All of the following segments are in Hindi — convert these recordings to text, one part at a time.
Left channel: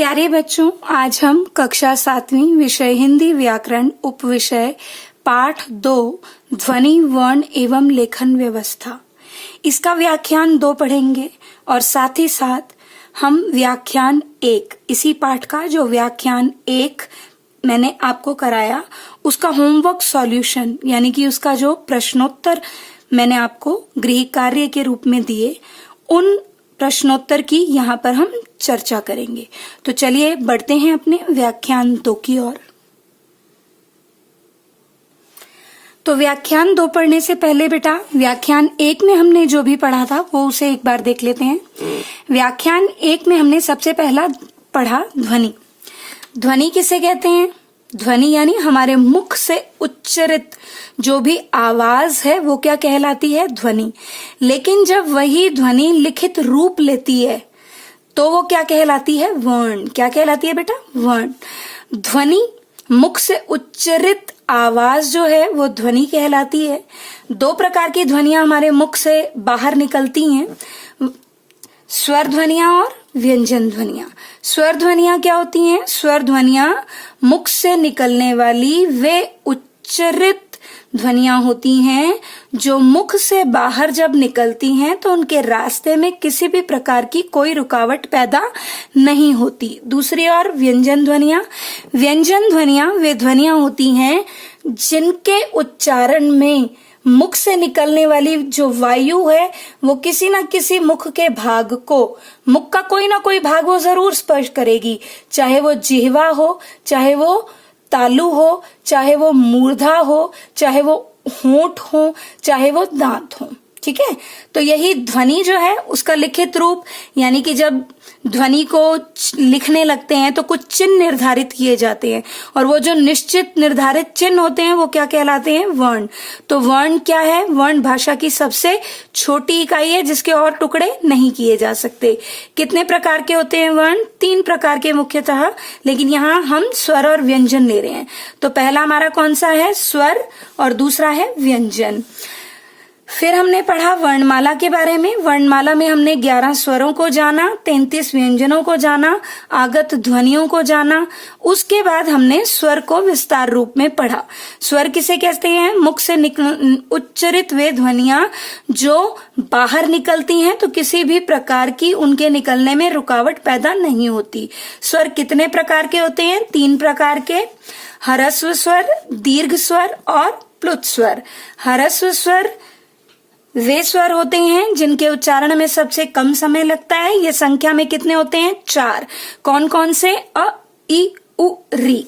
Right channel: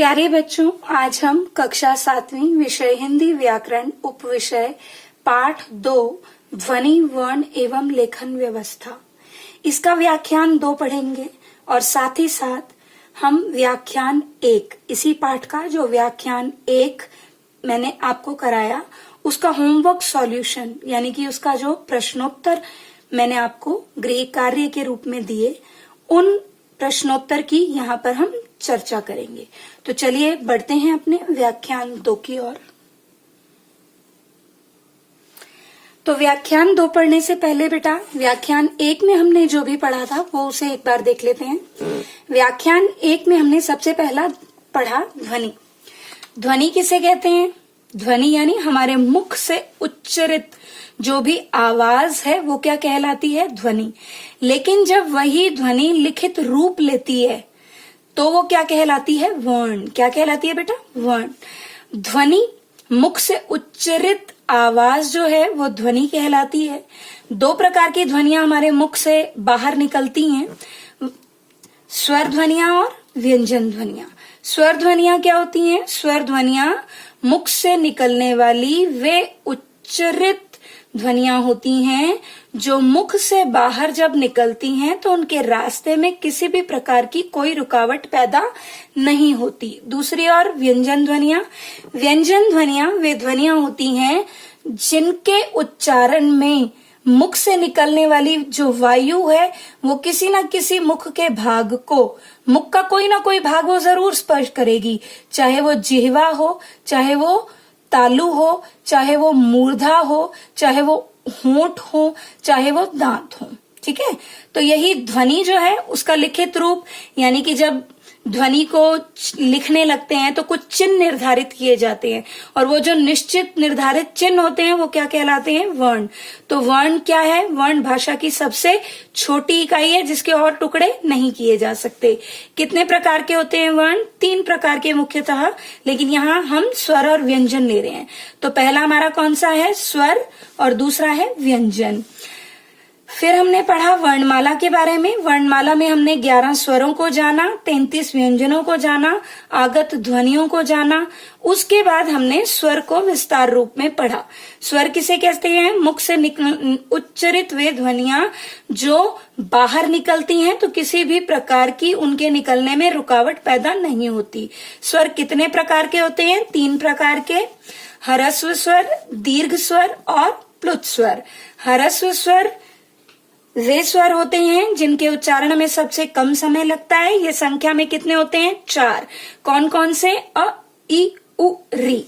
प्यारे बच्चों, आज हम कक्षा 7वीं विषय हिंदी व्याकरण उपविषय पाठ 2 ध्वनि वर्ण एवं लेखन व्यवस्था इसका व्याख्यान 2 पढ़ेंगे और साथ ही साथ हम व्याख्यान 1 इसी पाठ का जो व्याख्यान 1 मैंने आपको कराया उसका होमवर्क सॉल्यूशन यानी कि उसका जो प्रश्नोत्तर मैंने आपको गृह कार्य के रूप में दिए उन प्रश्नोत्तर की यहाँ पर हम चर्चा करेंगे। तो चलिए बढ़ते हैं अपने व्याख्यान 2 की ओर। तो व्याख्यान 2 पढ़ने से पहले बेटा व्याख्यान 1 में हमने जो भी पढ़ा था वो उसे एक बार देख लेते हैं। व्याख्यान 1 में हमने सबसे पहला पढ़ा ध्वनि। ध्वनि किसे कहते हैं? ध्वनि यानी हमारे मुख से उच्चरित जो भी आवाज है वो क्या कहलाती है? ध्वनि। लेकिन जब वही ध्वनि लिखित रूप लेती है तो वो क्या कहलाती है? वर्ण। क्या कहलाती है बेटा? वर्ण। ध्वनि मुख से उच्चरित आवाज जो है वो ध्वनि कहलाती है। 2 प्रकार की ध्वनियां हमारे मुख से बाहर निकलती हैं, स्वर ध्वनियां और व्यंजन ध्वनियां। स्वर ध्वनियां क्या होती हैं? स्वर ध्वनियां मुख से निकलने वाली वे उच्चरित ध्वनियां होती हैं जो मुख से बाहर जब निकलती हैं तो उनके रास्ते में किसी भी प्रकार की कोई रुकावट पैदा नहीं होती। दूसरी ओर व्यंजन ध्वनियां। व्यंजन ध्वनियां वे ध्वनियां होती हैं जिनके उच्चारण में मुख से निकलने वाली जो वायु है वो किसी न किसी मुख के भाग को, मुख का कोई ना कोई भाग वो जरूर स्पर्श करेगी, चाहे वो जिह्वा हो, चाहे वो तालु हो, चाहे वो मूर्धा हो, चाहे वो होंठ हो, चाहे वो दांत हो। ठीक है, तो यही ध्वनि जो है उसका लिखित रूप यानी कि जब ध्वनि को लिखने लगते हैं तो कुछ चिन्ह निर्धारित किए जाते हैं और वो जो निश्चित निर्धारित चिन्ह होते हैं वो क्या कहलाते हैं? वर्ण। तो वर्ण क्या है? वर्ण भाषा की सबसे छोटी इकाई है जिसके और टुकड़े नहीं किए जा सकते। कितने प्रकार के होते हैं वर्ण? 3 प्रकार के मुख्यतः, लेकिन यहाँ हम स्वर और व्यंजन ले रहे हैं। तो पहला हमारा कौन सा है? स्वर, और दूसरा है व्यंजन। फिर हमने पढ़ा वर्णमाला के बारे में। वर्णमाला में हमने 11 स्वरों को जाना, 33 व्यंजनों को जाना, आगत ध्वनियों को जाना। उसके बाद हमने स्वर को विस्तार रूप में पढ़ा। स्वर किसे कहते हैं? मुख से उच्चरित वे ध्वनियां जो बाहर निकलती हैं तो किसी भी प्रकार की उनके निकलने में रुकावट पैदा नहीं होती। स्वर कितने प्रकार के होते हैं? 3 प्रकार के, ह्रस्व स्वर, दीर्घ स्वर और प्लुत स्वर। ह्रस्व स्वर वे स्वर होते हैं जिनके उच्चारण में सबसे कम समय लगता है। ये संख्या में कितने होते हैं? 4। कौन कौन से? अ, इ, उ, री।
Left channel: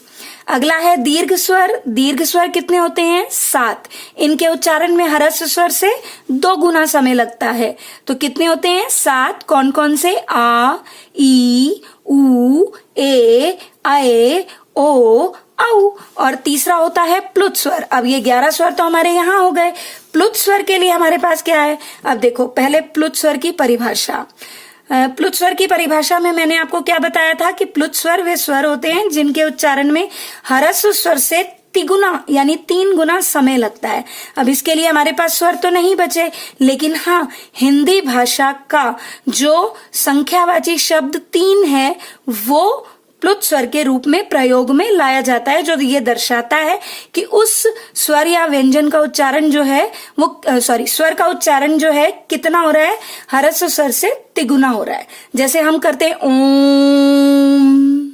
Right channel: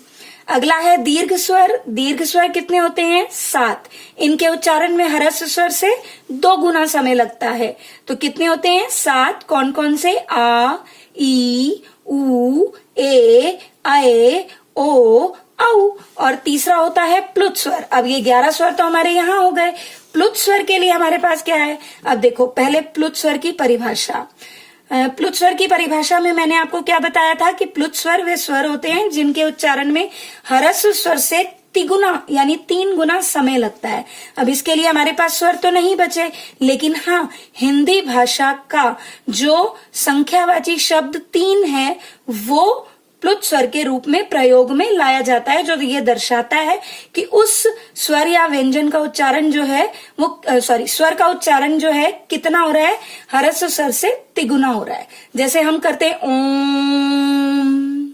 अगला है दीर्घ स्वर। दीर्घ स्वर कितने होते हैं? 7। इनके उच्चारण में ह्रस्व स्वर से 2 गुना समय लगता है। तो कितने होते हैं? 7। कौन कौन से? आ, ई, उ, ए, आए, ओ, औ। और तीसरा होता है प्लुत स्वर। अब ये 11 स्वर तो हमारे यहाँ हो गए। प्लुत स्वर के लिए हमारे पास क्या है? अब देखो, पहले प्लुत स्वर की परिभाषा। प्लुत स्वर की परिभाषा में मैंने आपको क्या बताया था कि प्लुत स्वर वे स्वर होते हैं जिनके उच्चारण में ह्रस्व स्वर से तिगुना यानी 3 गुना समय लगता है। अब इसके लिए हमारे पास स्वर तो नहीं बचे, लेकिन हाँ, हिंदी भाषा का जो संख्यावाची शब्द 3 है वो प्लुत स्वर के रूप में प्रयोग में लाया जाता है, जो ये दर्शाता है कि उस स्वर या व्यंजन का उच्चारण जो है वो स्वर का उच्चारण जो है कितना हो रहा है? ह्रस्व स्वर से तिगुना हो रहा है। जैसे हम करते हैं ओम।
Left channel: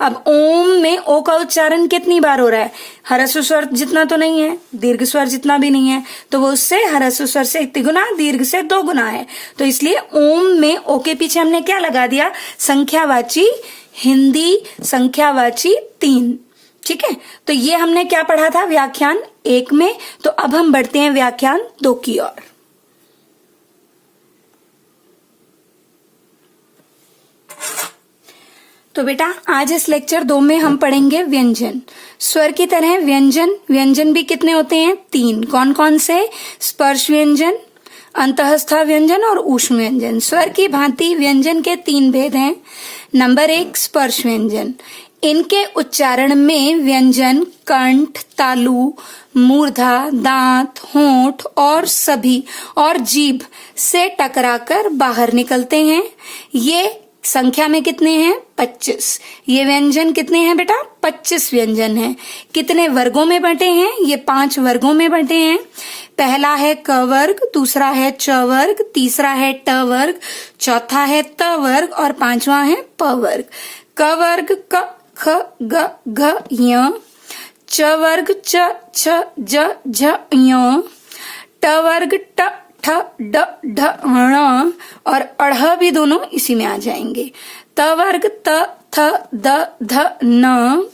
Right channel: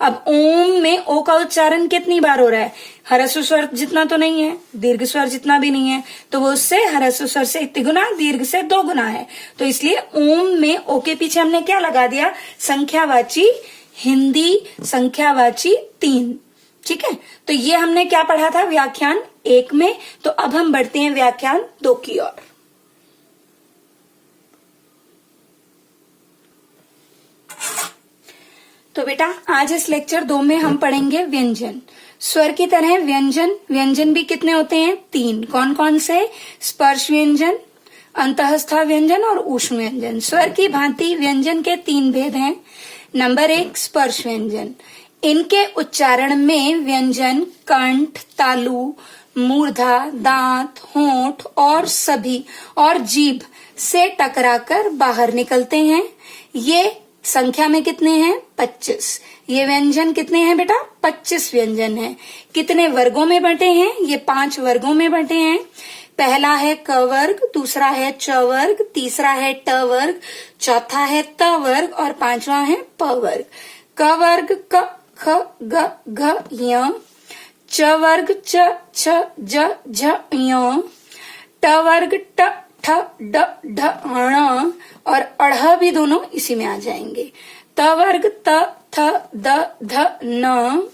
अब ओम में ओ का उच्चारण कितनी बार हो रहा है? ह्रस्व स्वर जितना तो नहीं है, दीर्घ स्वर जितना भी नहीं है, तो वो उससे ह्रस्व स्वर से 1 गुना, दीर्घ से 2 गुना है। तो इसलिए ओम में ओ के पीछे हमने क्या लगा दिया? संख्यावाची, हिंदी संख्यावाची 3। ठीक है, तो ये हमने क्या पढ़ा था व्याख्यान 1 में। तो अब हम बढ़ते हैं व्याख्यान 2 की ओर। तो बेटा आज इस लेक्चर 2 में हम पढ़ेंगे व्यंजन। स्वर की तरह व्यंजन भी कितने होते हैं? 3। कौन कौन से? स्पर्श व्यंजन, अंतःस्थ व्यंजन और ऊष्म व्यंजन। स्वर की भांति व्यंजन के 3 भेद हैं। नंबर 1 स्पर्श व्यंजन। इनके उच्चारण में व्यंजन कंठ, तालु, मूर्धा, दांत, होंठ और सभी और जीभ से टकराकर बाहर निकलते हैं। ये संख्या में कितने हैं? 25। ये व्यंजन कितने हैं बेटा? 25 व्यंजन हैं। कितने वर्गों में बंटे हैं? ये 5 वर्गों में बंटे हैं। पहला है क वर्ग, दूसरा है च वर्ग, तीसरा है ट वर्ग, चौथा है त वर्ग और पांचवा है प वर्ग। क वर्ग क ख ग घ य, च वर्ग च छ ज झ य, ट वर्ग ट ठ ड ढ ण और अढ़ भी दोनों इसी में आ जाएंगे। त वर्ग त थ द ध न,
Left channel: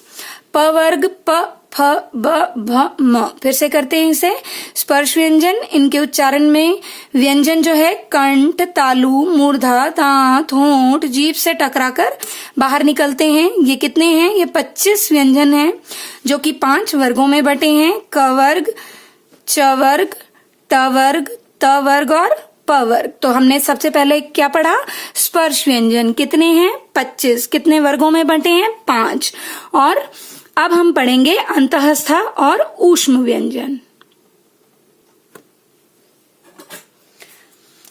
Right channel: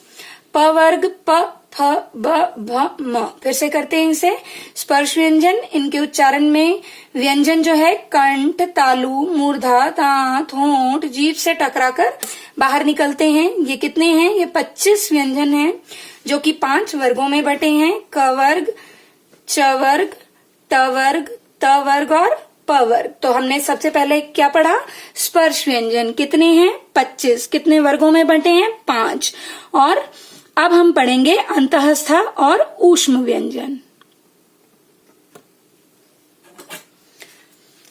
प वर्ग प फ ब भ म। फिर से करते हैं इसे। स्पर्श व्यंजन, इनके उच्चारण में व्यंजन जो है कंठ, तालु, मूर्धा, दांत, होंठ, जीभ से टकराकर बाहर निकलते हैं। ये कितने हैं? ये 25 व्यंजन हैं जो कि 5 वर्गों में बटे हैं। क वर्ग, च वर्ग, ट वर्ग, त वर्ग और प वर्ग। तो हमने सबसे पहले क्या पढ़ा? स्पर्श व्यंजन कितने हैं? 25। कितने वर्गों में बटे हैं? 5। और अब हम पढ़ेंगे अंतःस्थ और ऊष्म व्यंजन।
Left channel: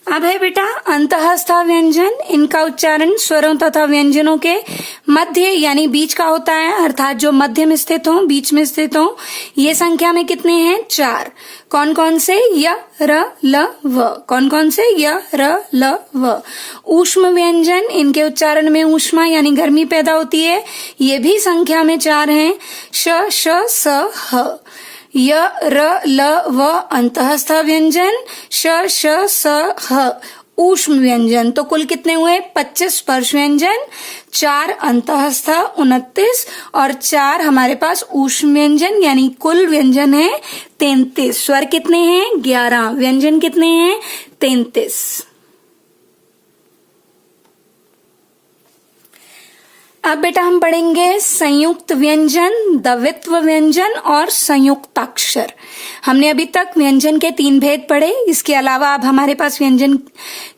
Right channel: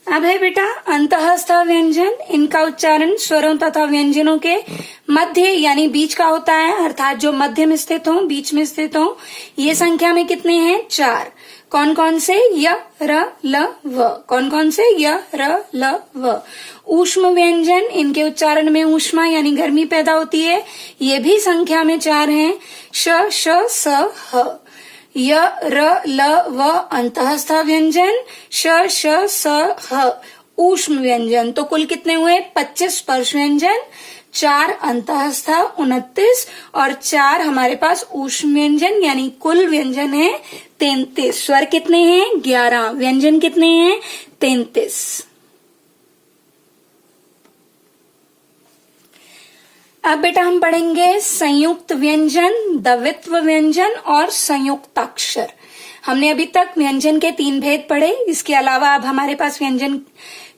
अब है बेटा अंतःस्थ व्यंजन। इनका उच्चारण स्वरों तथा व्यंजनों के मध्य यानी बीच का होता है, अर्थात जो मध्य में स्थित हो, बीच में स्थित हो। ये संख्या में कितने हैं? 4। कौन कौन से? य, र, ल, व। कौन कौन से? य, र, ल, व। ऊष्म व्यंजन, इनके उच्चारण में ऊष्मा यानी गर्मी पैदा होती है। ये भी संख्या में 4 हैं। श, श, स, ह। य, र, ल, व अंतःस्थ व्यंजन, श, श, स, ह ऊष्म व्यंजन। तो कुल कितने हुए? 25 स्पर्श व्यंजन, 4 अंतःस्थ 29 और 4 हमारे पास ऊष्म व्यंजन, यानी कुल व्यंजन है 33। स्वर कितने हैं? 11। व्यंजन कितने हैं? 33। अब बेटा हम पढ़ेंगे संयुक्त व्यंजन, द्वित्व व्यंजन और संयुक्ताक्षर। हमने अभी तक व्यंजन के 3 भेद पढ़े। इसके अलावा अब हमारे पास व्यंजन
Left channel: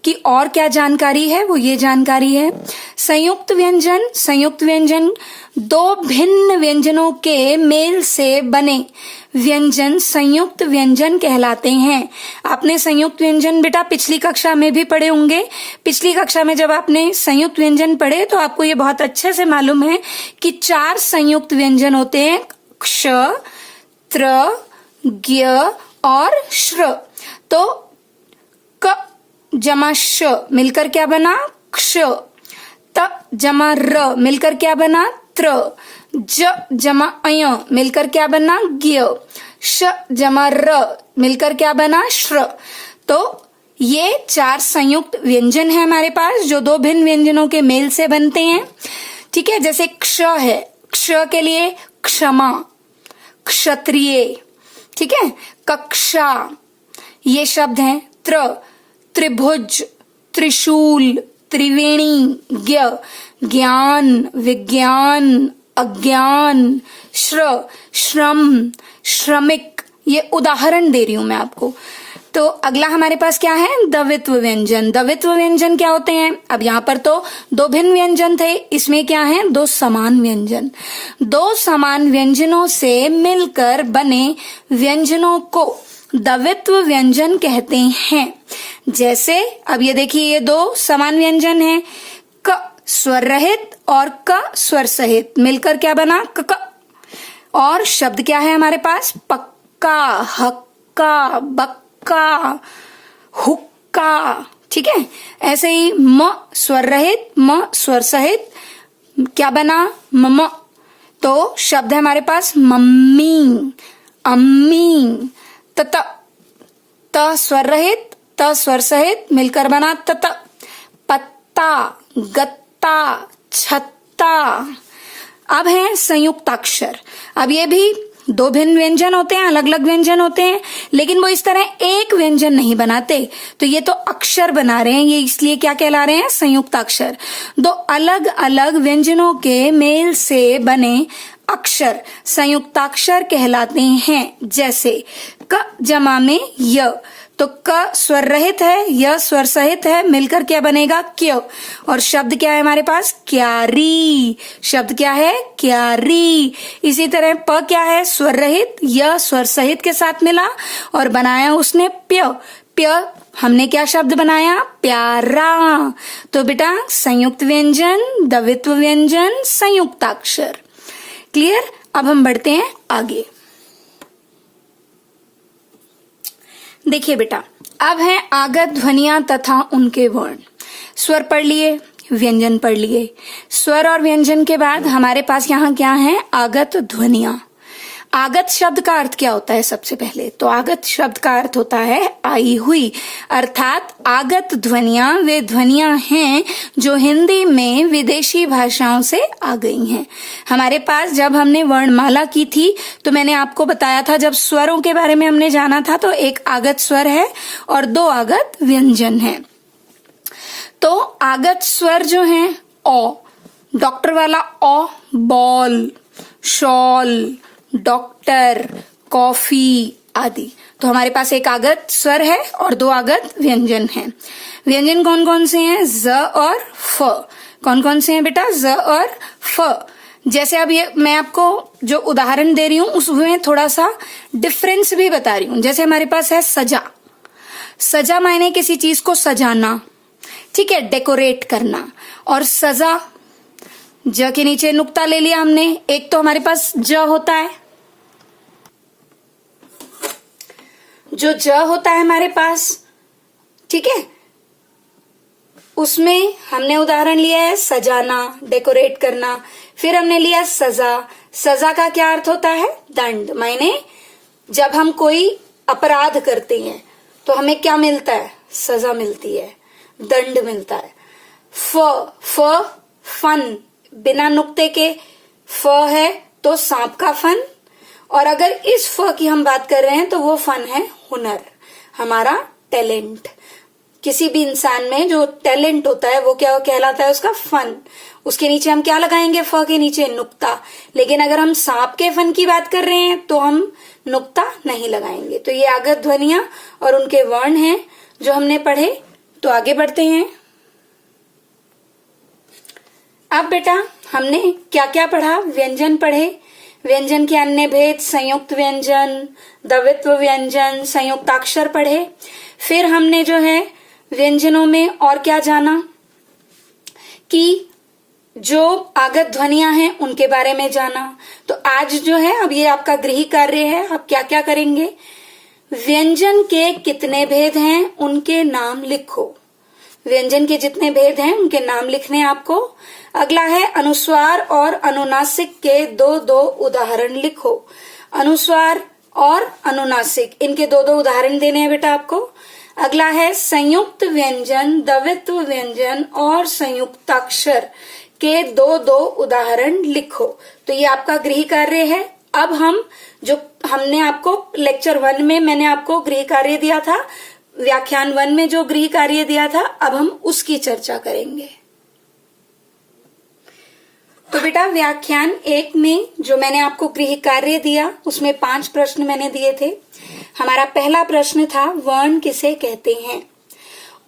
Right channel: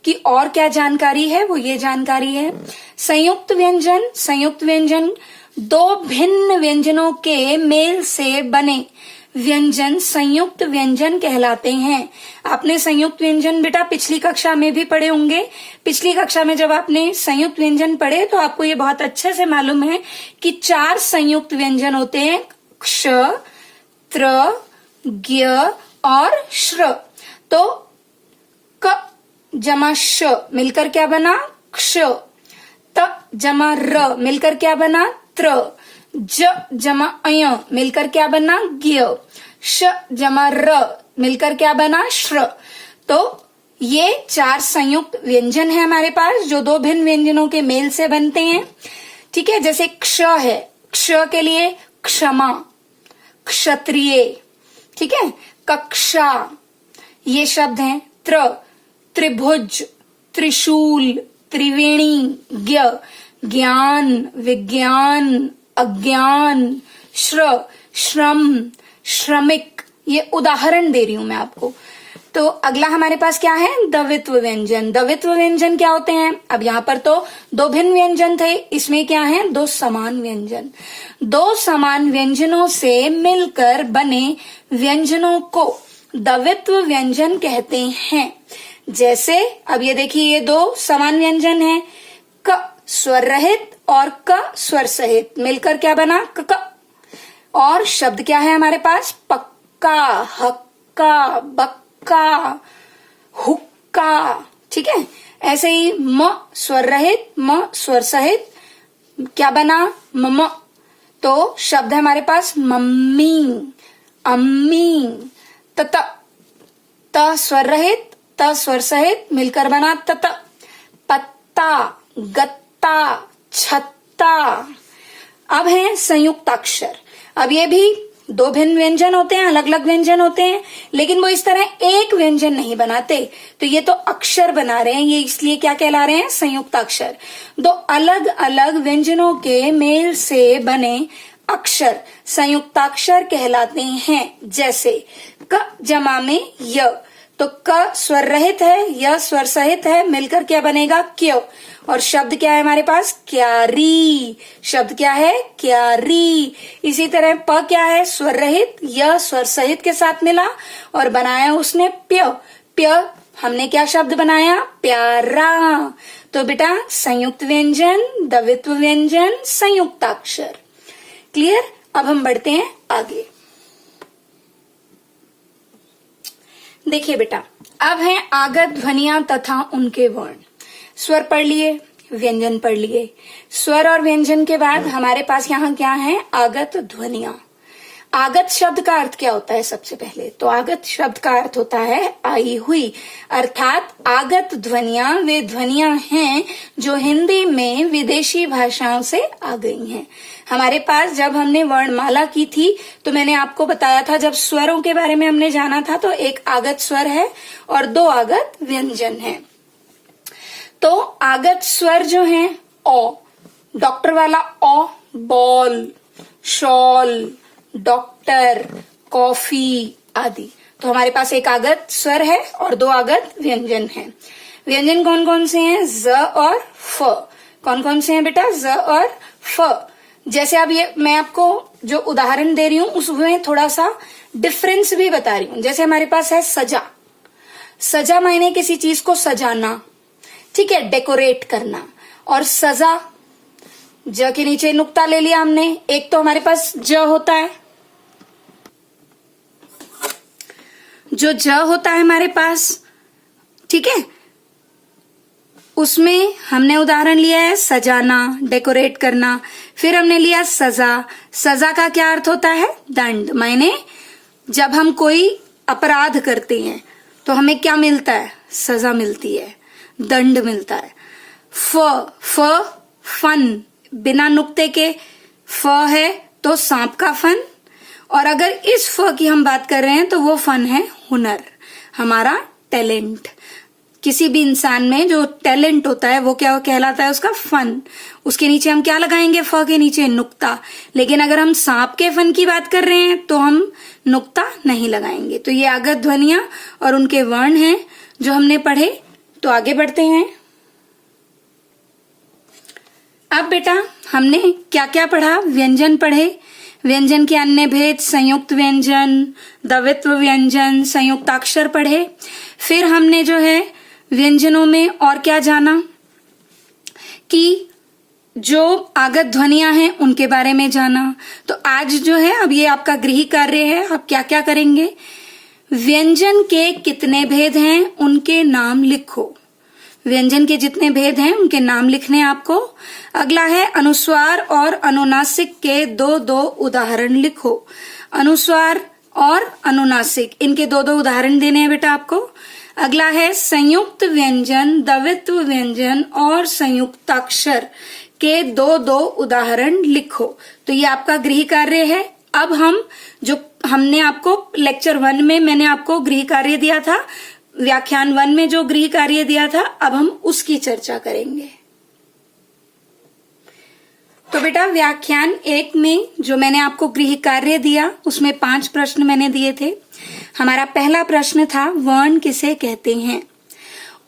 की और क्या जानकारी है, वो ये जानकारी है। संयुक्त व्यंजन, संयुक्त व्यंजन 2 भिन्न व्यंजनों के मेल से बने व्यंजन संयुक्त व्यंजन कहलाते हैं। आपने संयुक्त व्यंजन बेटा पिछली कक्षा में भी पढ़े होंगे। पिछली कक्षा में जब आपने संयुक्त व्यंजन पढ़े तो आपको ये बहुत अच्छे से मालूम है कि 4 संयुक्त व्यंजन होते हैं, क्ष, त्र, ज्ञ और श्र। तो क जमा श मिलकर क्या बना? क्ष। त जमा र मिलकर क्या बना? त्र। ज जमा अय मिलकर क्या बना? ज्ञ। श जमा र मिलकर क्या बना? श्र। तो ये 4 संयुक्त व्यंजन है हमारे पास जो 2 भिन्न व्यंजनों के मेल से बनते हैं। ठीक है, जैसे क्ष है, क्ष के लिए क्षमा, क्षत्रिय। ठीक है, कक्षा ये शब्द हैं। त्र त्रिभुज, त्रिशूल, त्रिवेणी, ज्ञ ज्ञान, विज्ञान, अज्ञान, श्र श्रम, श्रमिक। ये उदाहरण दे रही हूं मैं आपको। तो अगला हमारे पास क्या है? द्वित्व व्यंजन। द्वित्व व्यंजन क्या होते हैं? अब यहाँ पर तो 2 भिन्न व्यंजन थे, इसमें क्या है? 2 समान व्यंजन। 2 समान व्यंजनों से मिलकर बने व्यंजनों को द्वित्व व्यंजन कहते हैं। जैसे अब ये देखिए, ये 2 समान व्यंजन हैं, क स्वर रहित और क स्वर सहित, मिलकर क्या बना? क। और शब्द क्या है हमारे पास? पक्का, हक्का, बक्का, हुक्का। ठीक है, ऐसे ही म स्वर रहित, म स्वर सहित क्या बना? मम। तो शब्द है हमारे पास मम्मी, अम्मी। तत त स्वर रहित, त स्वर सहित मिलकर बना तत। पत्ता, गत्ता, छत्ता। अब है संयुक्ताक्षर। अब ये भी 2 भिन्न व्यंजन होते हैं, अलग अलग व्यंजन होते हैं, लेकिन वो इस तरह एक व्यंजन नहीं बनाते। तो ये तो अक्षर बना रहे हैं, ये इसलिए क्या कहला रहे हैं? संयुक्ताक्षर। 2 अलग अलग व्यंजनों के मेल से बने अक्षर संयुक्ताक्षर कहलाते हैं। जैसे क जमा में य, तो क स्वर रहित है, य स्वर सहित है, मिलकर क्या बनेगा? क्य। और शब्द क्या है हमारे पास? क्यारी। शब्द क्या है? क्यारी। इसी तरह प क्या है? स्वर रहित, य स्वर सहित के साथ मिला और बनाया उसने प्य। प्य हमने क्या शब्द बनाया? प्यारा। तो बेटा संयुक्त व्यंजन, द्वित्व व्यंजन, संयुक्ताक्षर। क्लियर? अब हम बढ़ते हैं आगे। देखिए बेटा, अब है आगत ध्वनियां तथा उनके वर्ण। स्वर पढ़ लिए, व्यंजन पढ़ लिए। स्वर और व्यंजन के बाद हमारे पास यहाँ क्या है? आगत ध्वनियां। आगत शब्द का अर्थ क्या होता है? सबसे पहले तो आगत शब्द का अर्थ होता है आई हुई, अर्थात आगत ध्वनियां वे ध्वनियां हैं जो हिंदी में विदेशी भाषाओं से आ गई हैं। हमारे पास जब हमने वर्णमाला की थी तो मैंने आपको बताया था, जब स्वरों के बारे में हमने जाना था, तो एक आगत स्वर है और 2 आगत व्यंजन है। तो आगत स्वर जो है ओ, डॉक्टर वाला ओ, बॉल, शॉल, डॉक्टर, कॉफी आदि। तो हमारे पास एक आगत स्वर है और 2 आगत व्यंजन हैं। व्यंजन कौन कौन से हैं? ज और फ। कौन कौन से हैं बेटा? ज और फ। जैसे अब ये मैं आपको जो उदाहरण दे रही हूं उसमें थोड़ा सा डिफरेंस भी बता रही हूं। जैसे हमारे पास है सजा। सजा मायने किसी चीज को सजाना, ठीक है, डेकोरेट करना। और सजा, ज के नीचे नुक्ता ले लिया हमने। एक तो हमारे पास ज होता है, जो ज होता है हमारे पास, ठीक है, उसमें हमने उदाहरण लिया है सजाना, डेकोरेट करना। फिर हमने लिया सजा। सजा का क्या अर्थ होता है? दंड। मायने जब हम कोई अपराध करते हैं तो हमें क्या मिलता है? सजा मिलती है, दंड मिलता है। फन, बिना नुक्ते के फ है तो सांप का फन। और अगर इस फ की हम बात कर रहे हैं तो वो फन है हुनर, हमारा टैलेंट। किसी भी इंसान में जो टैलेंट होता है वो क्या कहलाता है? उसका फन। उसके नीचे हम क्या लगाएंगे? फ के नीचे नुक्ता। लेकिन अगर हम सांप के फन की बात कर रहे हैं तो हम नुक्ता नहीं लगाएंगे। तो ये आगत ध्वनियां और उनके वर्ण हैं जो हमने पढ़े। तो आगे बढ़ते हैं। अब बेटा हमने क्या क्या पढ़ा? व्यंजन पढ़े, व्यंजन के अन्य भेद, संयुक्त व्यंजन, द्वित्व व्यंजन, संयुक्ताक्षर पढ़े। फिर हमने जो है व्यंजनों में और क्या जाना कि जो आगत ध्वनियां हैं उनके बारे में जाना। तो आज जो है अब ये आपका गृह कार्य है। अब क्या क्या करेंगे? व्यंजन के कितने भेद हैं उनके नाम लिखो। व्यंजन के जितने भेद हैं उनके नाम लिखने आपको। अगला है अनुस्वार और अनुनासिक के 2-2 उदाहरण लिखो। अनुस्वार और अनुनासिक, इनके 2-2 उदाहरण देने हैं बेटा आपको। अगला है संयुक्त व्यंजन, द्वित्व व्यंजन और संयुक्ताक्षर के 2-2 उदाहरण लिखो। तो ये आपका गृह कार्य है। अब हम जो हमने आपको लेक्चर 1 में मैंने आपको गृह कार्य दिया था, व्याख्यान 1 में जो गृह कार्य दिया था, अब हम उसकी चर्चा करेंगे। तो बेटा व्याख्यान 1 में जो मैंने आपको गृह कार्य दिया उसमें 5 प्रश्न मैंने दिए थे। हमारा पहला प्रश्न था वर्ण किसे कहते हैं?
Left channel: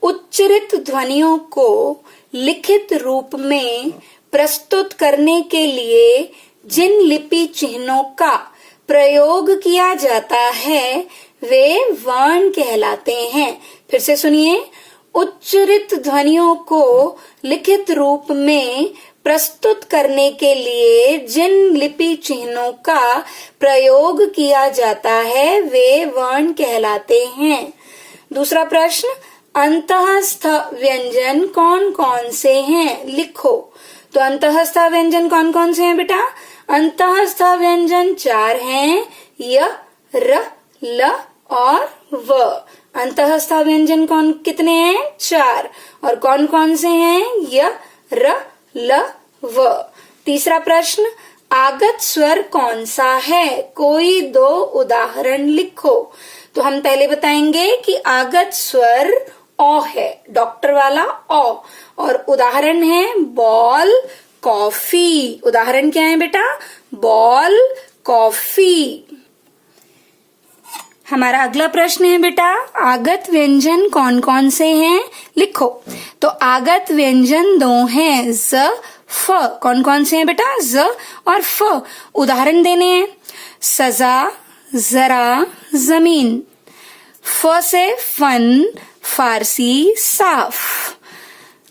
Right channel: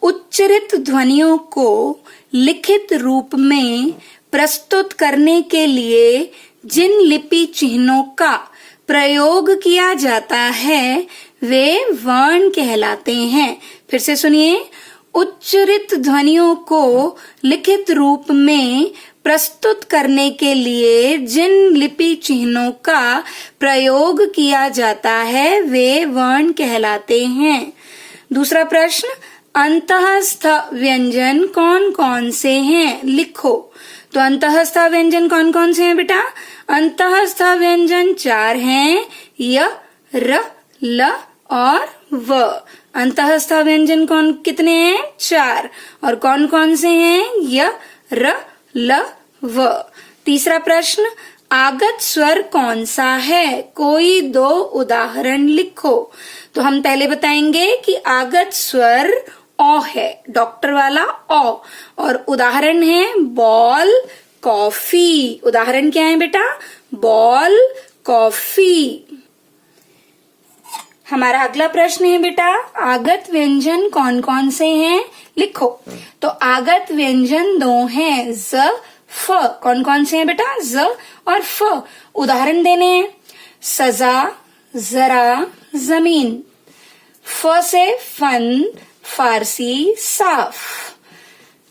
उच्चरित ध्वनियों को लिखित रूप में प्रस्तुत करने के लिए जिन लिपि चिन्हों का प्रयोग किया जाता है वे वर्ण कहलाते हैं। फिर से सुनिए, उच्चरित ध्वनियों को लिखित रूप में प्रस्तुत करने के लिए जिन लिपि चिन्हों का प्रयोग किया जाता है वे वर्ण कहलाते हैं। दूसरा प्रश्न, अंतःस्थ व्यंजन कौन कौन से हैं? लिखो। तो अंतःस्थ व्यंजन कौन कौन से हैं बेटा? अंतःस्थ व्यंजन 4 हैं, य, र, ल और व। अंतःस्थ व्यंजन कौन कितने हैं? 4। और कौन कौन से हैं? य, र, ल, व। तीसरा प्रश्न, आगत स्वर कौन सा है? कोई 2 उदाहरण लिखो। तो हम पहले बताएंगे कि आगत स्वर ओ है, डॉक्टर वाला ओ। और उदाहरण है बॉल, कॉफी। उदाहरण क्या है बेटा? Ball, coffee. हमारा अगला प्रश्न है बेटा, आगत व्यंजन कौन कौन से हैं? लिखो। तो आगत व्यंजन 2 हैं, ज, फ। कौन कौन से हैं बेटा? ज और फ। उदाहरण देने हैं, सजा, जरा, जमीन। फ से फन, फारसी साफ।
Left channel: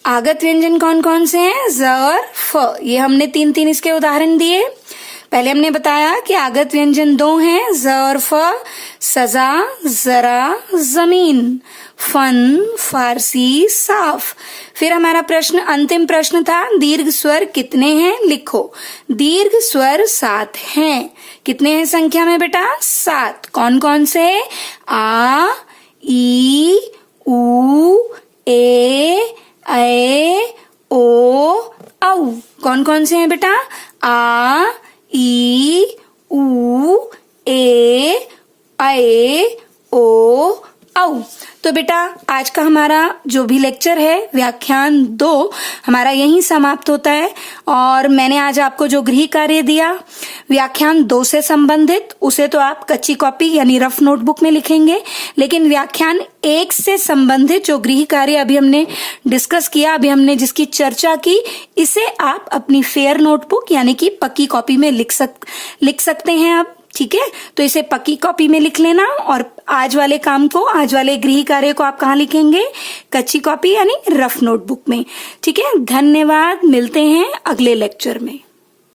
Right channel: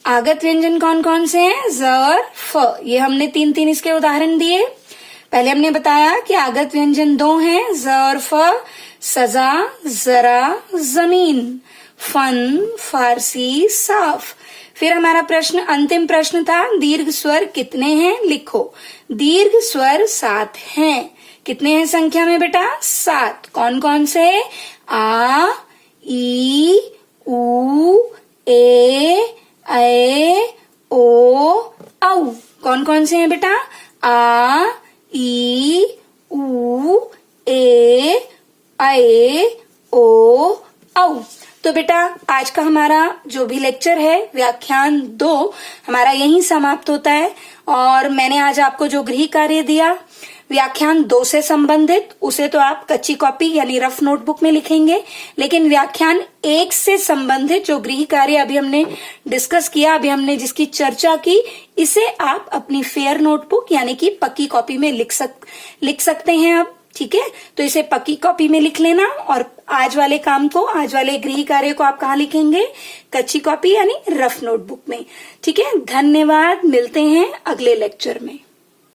आगत व्यंजन कौन कौन से हैं? ज और फ। ये हमने तीन तीन इसके उदाहरण दिए। पहले हमने बताया कि आगत व्यंजन दो हैं, ज और फ। सजा, जरा, जमीन। फन, फारसी साफ। फिर हमारा प्रश्न, अंतिम प्रश्न था, दीर्घ स्वर कितने हैं? लिखो। दीर्घ स्वर 7 हैं। कितने हैं संख्या में बेटा? 7। कौन कौन से? आ, ई, उ, ए, ओ, औ। कौन कौन से हैं बेटा? आ, ई, उ, ए, ओ, औ। तो बेटा आज का हमारा जो भी लेक्चर है व्याख्यान 2 हमारा यहीं समाप्त होता है। और मैंने आज आपको जो गृह कार्य दिया व्याख्यान 2 से संबंधित, उसे तो आप कच्ची कॉपी यानी रफ नोटबुक में लिखेंगे, लेकिन व्याख्यान 1 से संबंधित जो गृह कार्य अभी हमने डिस्कस किया, अभी हमने जिसकी चर्चा की, इसे आप अपनी फेयर नोटबुक यानी कि पक्की कॉपी में लिख सकते हैं आप। ठीक है, तो इसे पक्की कॉपी में लिख लेना और आज वाले काम को, आज वाले गृह कार्य को आप कहाँ लिखेंगे? कच्ची कॉपी यानी रफ नोटबुक में। ठीक है, धन्यवाद। मिलते हैं अगले लेक्चर में।